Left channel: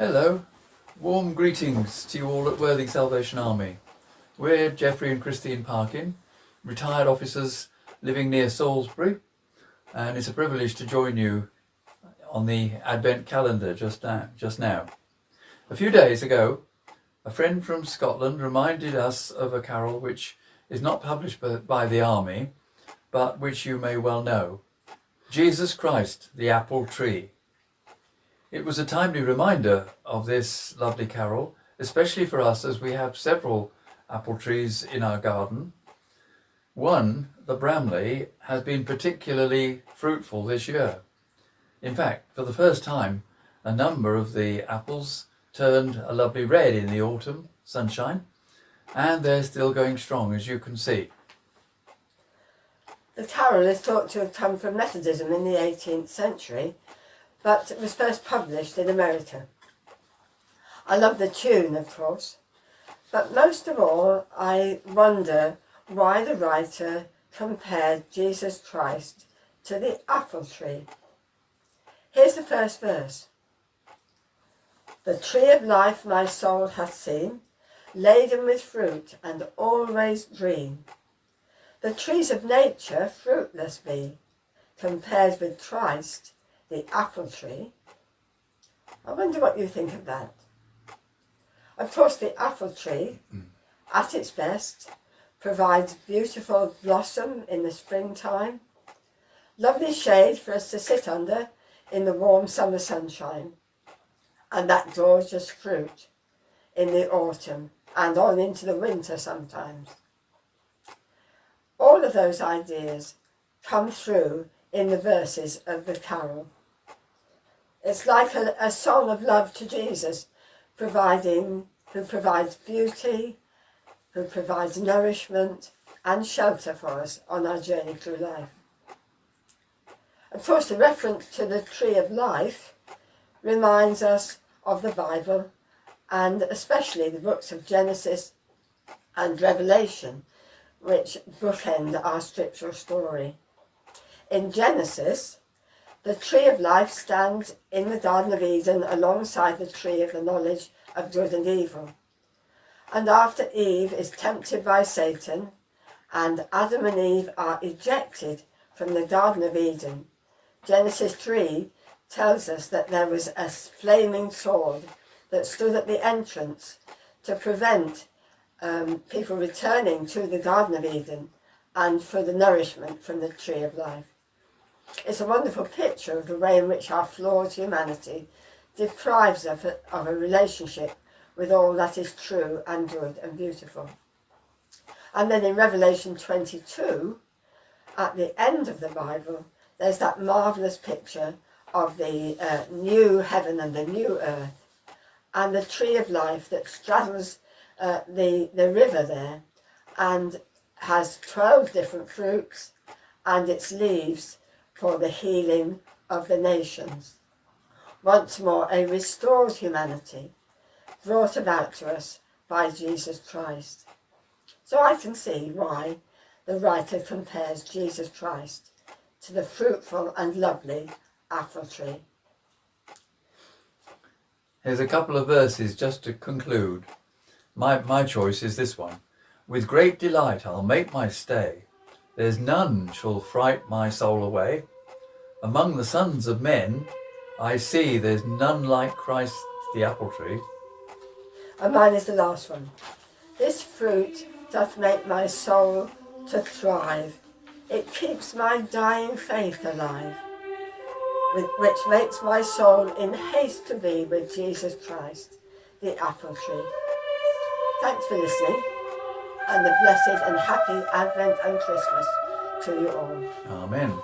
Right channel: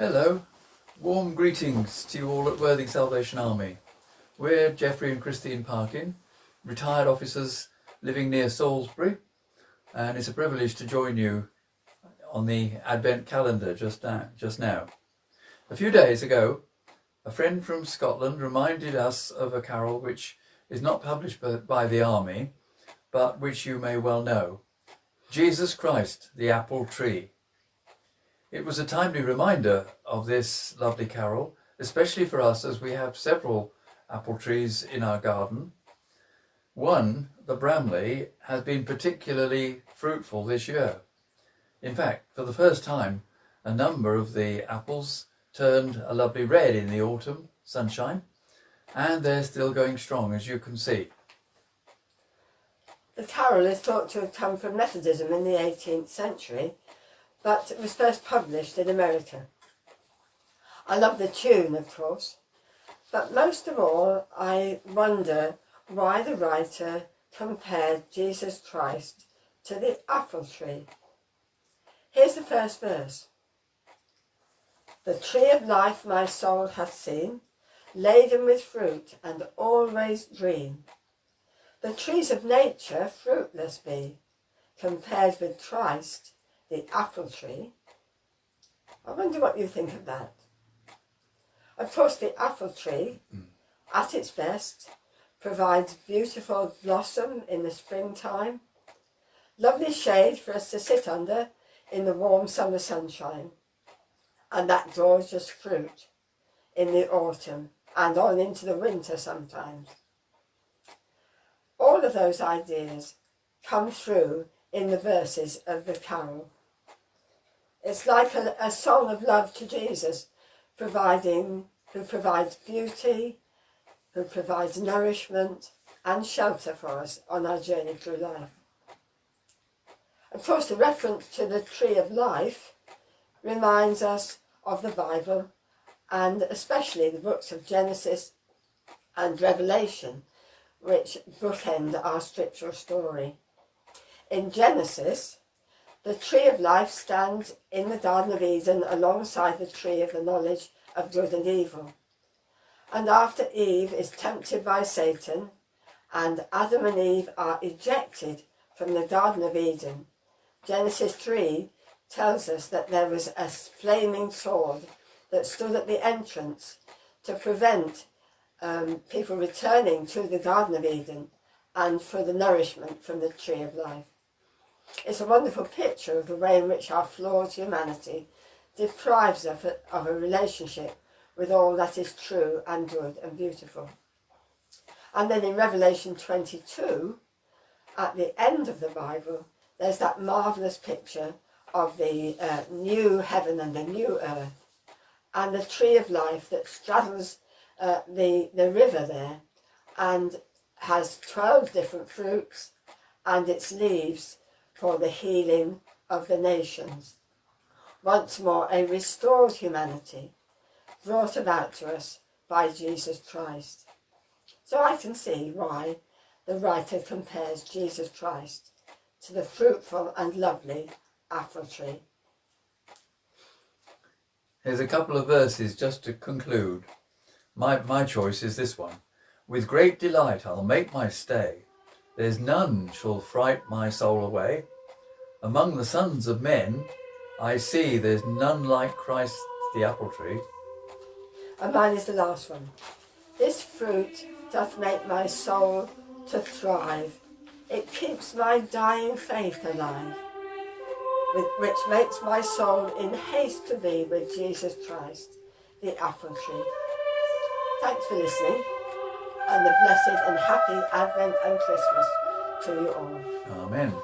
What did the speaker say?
Hello, warm greetings to you all at Worthing Salvation Army. We're Geoffrey and Christine Parkin, retired officers living near Salisbury, and it's a privilege to join you on the Advent calendar just now. A few days ago, a friend from Scotland reminded us of a carol which is not published by the Army, but which you may well know, Jesus Christ, the Apple Tree. It was a timely reminder of this lovely carol, especially for us as we have several apple trees in our garden. One, the Bramley, has been particularly fruitful this year. In fact, for the first time, a number of the apples turned a lovely red in the autumn sunshine, and they're still going strong, as you can see. The carol is thought to have come from Methodism in the 18th century, but it was first published in America. I love the tune, of course, but most of all, I wonder why the writer compared Jesus Christ to the apple tree. Here's the first verse. The tree of life my soul hath seen, laden with fruit and always green. The trees of nature fruitless be, compared with Christ, the apple tree. I wonder what you think of that. Of course, the apple tree, at its best, provides beautiful blossom in the springtime, lovely shade for us to sit under in the warm summer sunshine, and that gorgeous fruit in the autumn and on into the winter sometimes. All of those ideas come through in the verses of the carol. It's like a song of love to Jesus, who provides beauty, who provides nourishment and shelter for us on our journey through life. Of course, the reference to the tree of life reminds us of the Bible, and especially the books of Genesis and Revelation, which bookend our scriptural story. In Genesis, the tree of life stands in the Garden of Eden alongside the tree of the knowledge of good and evil. And after Eve is tempted by Satan and Adam and Eve are ejected from the Garden of Eden, Genesis 3 tells us that there was a flaming sword that stood at the entrance to prevent people returning to the Garden of Eden and for the nourishment from the tree of life. It's a wonderful picture of the way in which our flawed humanity deprives us of a relationship with all that is true and good and beautiful. And then in Revelation 22, at the end of the Bible, there's that marvellous picture of the new heaven and the new earth, and the tree of life that straddles the river there and has 12 different fruits and its leaves for the healing of the nations. Once more, a restored humanity brought about to us by Jesus Christ. So I can see why the writer compares Jesus Christ to the fruitful and lovely apple tree. Here's a couple of verses just to conclude. My choice is this one. With great delight I'll make my stay. There's none shall fright my soul away. Among the sons of men, I see there's none like Christ the apple tree. And mine is the last one. This fruit doth make my soul to thrive. It keeps my dying faith alive, which makes my soul in haste to be with Jesus Christ, the apple tree. Thanks for listening, and a blessed and happy Advent and Christmas to you all. Amen.